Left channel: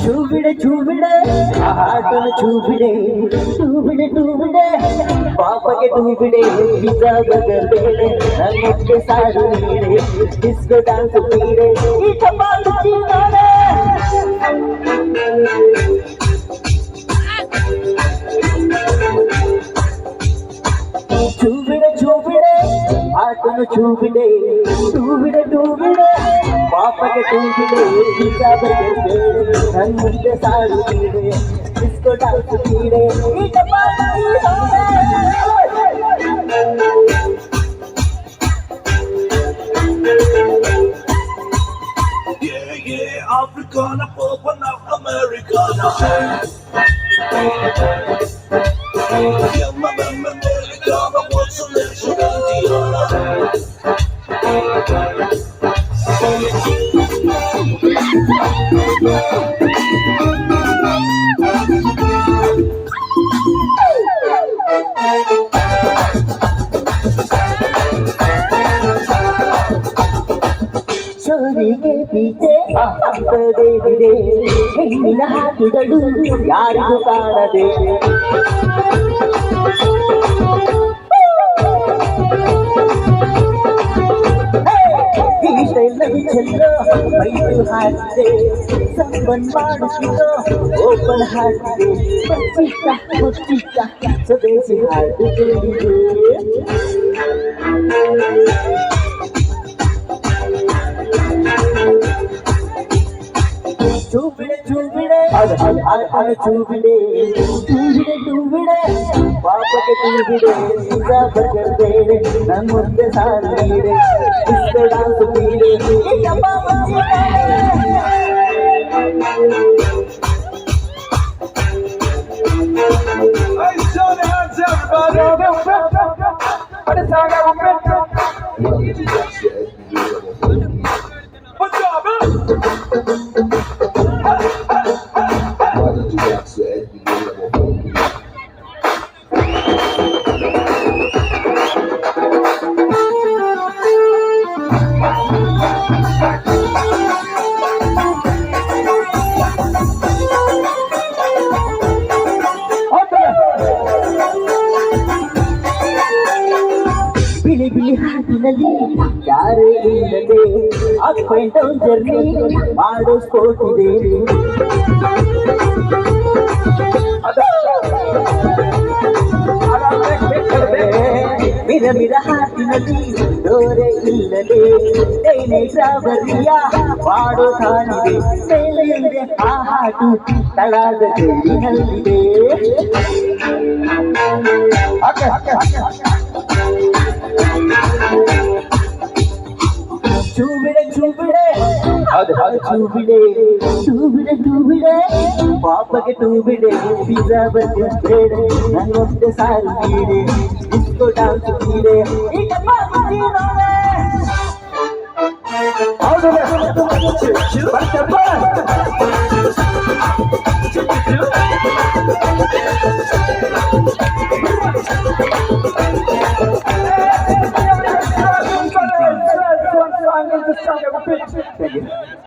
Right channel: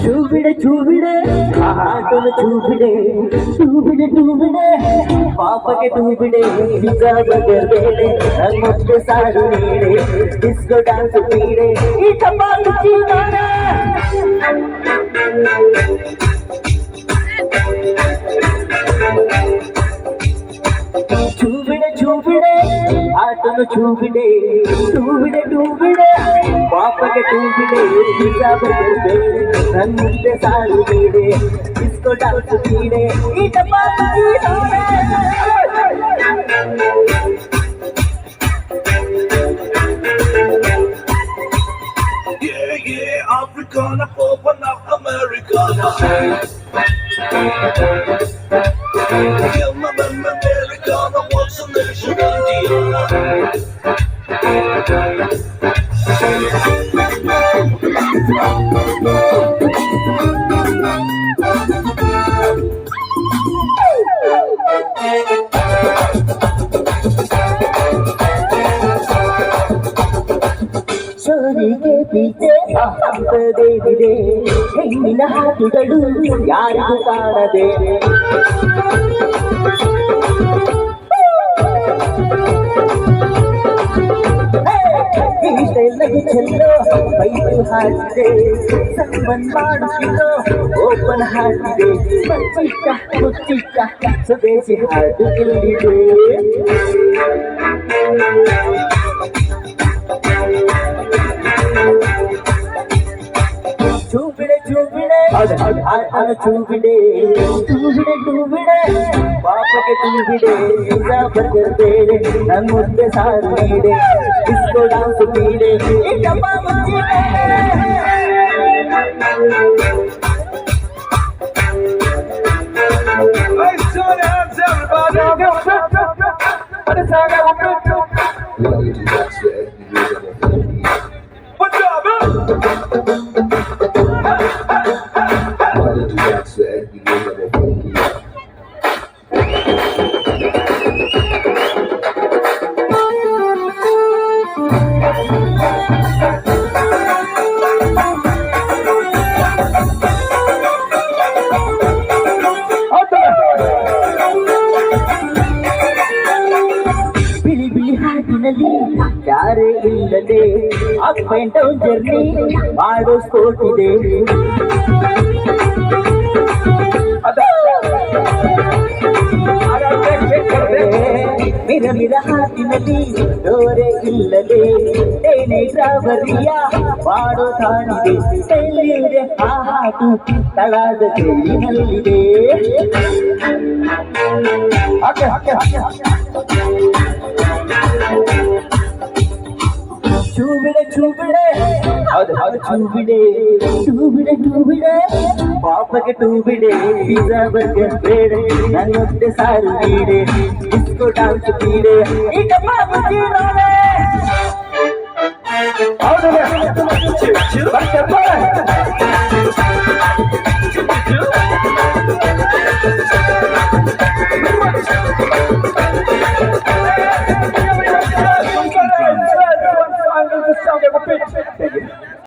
ಚೂಬಿಡೆ ಆಟನ ಚೂಬಿಡೆ ಚೂಬಿಡೆ ಪಾಪಗೆ ತೂಬಿಡೆ ಪಿಜ್ಜಾ ಬರ್ಗರ್ ಬೇಳೆ ನನ್ನಕ್ಕೆ ಸಾರು ನೀಡೆ ಡಿಸ್ಕೋ ಡಾನ್ಸ್ ನೀಡೆ ಈ ಚಪಾತಿ ಚೀನಾಡ ಚೂಬಿಡೆ ಆಟನು ಚೂಬಿಡೆ ಟೂಬಿಡೆ ಪಾಪಗೆ ತೂಬಿಡೆ ಪಿಜ್ಜಾ ಬರ್ಗರ್ ಬೇಳೆ ನನ್ನಕ್ಕೆ ಸಾರು ನೀಡೆ ಡಿಸ್ಕೋ ಡಾನ್ಸ್ ನೀಡೆ ಈ ಚಪಾತಿ ಚೀನಾಡ Yeah, Africana, Popana, Americana. Yeah, man, Americana, what's the nation ಸೋರಿಗೆ ಪೀಚೆ ಅಂತದೇವಿದೆ ಹೆಣ್ಣಿನ ಹಾಕುಗಳು ಯಾರಿಗೂ ಕಾಣದೆ ಈಟೆಲ್ಲವೂ ಚೆಲ್ಲೋ ಬೈದು ಹಾಕಿದೆ ಸಂಬಂಧ ಮಾಡಿಸಿದೋ ಓಪನ್ ಹಾಕಿದೆ ಮುಚ್ಚಿಟ್ಟ ಸ್ವದೇಶಿ ಹಾಡು ಕೇಳಿದೆ ಚೂಬಿಡೆ ಆಟನ ಚೂಬಿಡೆ ಪಾಪಕ್ಕೆ ತೂಬಿಡೆ ಪಿಜ್ಜಾ ಬರ್ಗರ್ ಬೇಳೆ ನನ್ನ ಮುಂದೆ ಸಾರು ನೀಡೆ ಡಿಸ್ಕೋ ಡಾನ್ಸ್ ನೀಡೆ ಬಿಳಿ ಹಾಟಿನಲ್ಲಿ ಯಾರೇ ಇಲ್ಲದೆ ಅಪ್ ಅಂಡ್ ಡೌನ್ ಜರ್ನಿ ಮಾಡೋ ಸ್ಪೋರ್ಟ್ ಇದೆ ಮಿರ ಹಾಟಿನಲ್ಲಿ ಡೋರೆ ಇಲ್ಲದೆ ಏನೇ ಡ್ರಾವರಿಯ ಮಾಡೋ ತಾನಿದೆ ಮೇಲಿದೆ ಆ ಹಾಟು ತಳಾದ ಕೈಲಿನಲ್ಲಿದೆ ಚೂಬಿಡೆ ಟೂಬಿಡೆ ಪಾಪಗೆ ತೂಬಿಡೆ ಪಿಜ್ಜಾ ಬರ್ಗರ್ ಬೇಳೆ ನನ್ನೊಂದೆ ಸಾರು ನೀಡೆ ಡಿಸ್ಕೋ ಡಾನ್ಸ್ ನೀಡೆ ಈ ಚಪಾತಿ ಚೀನಾಡ